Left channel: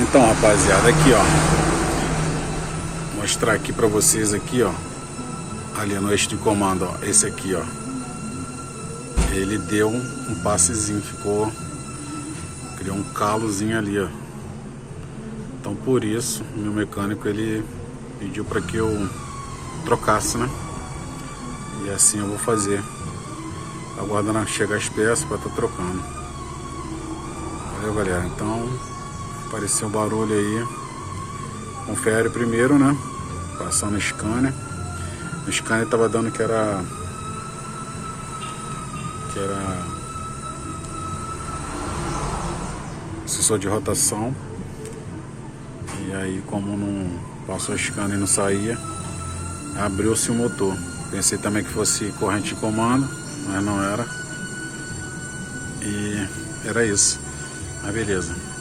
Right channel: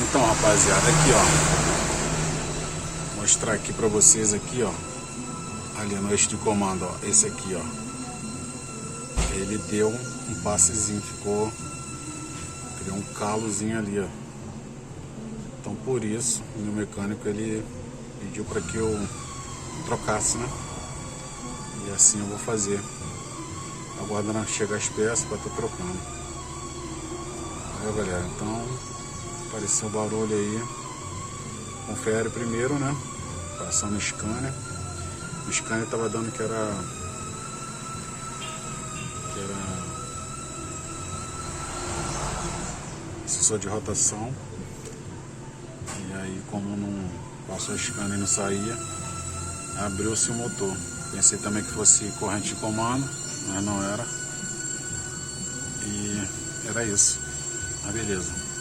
Então, rapaziada, aqui ó, mostrar aqui pra vocês aqui ó, ali no eixo de comando, ó, esse aqui ó, ele deu um passezinho, criou um calozinho ali ó. Então por isso o meu mecânico ele pediu para que eu trocasse, né? E assim eu vou fazer, aguardando chegar as peças para estar trocando. Valeu, galera. Então apareceu um barulho aí, confere primeiro, né? Passando o scanner. O scanner tava dando que era sensor de rotação. E aí, como não passou o scanner e não saía, abriu-se o motor. Pensei também que fosse corrente de comando, mas não era. E era isso. Mas beleza.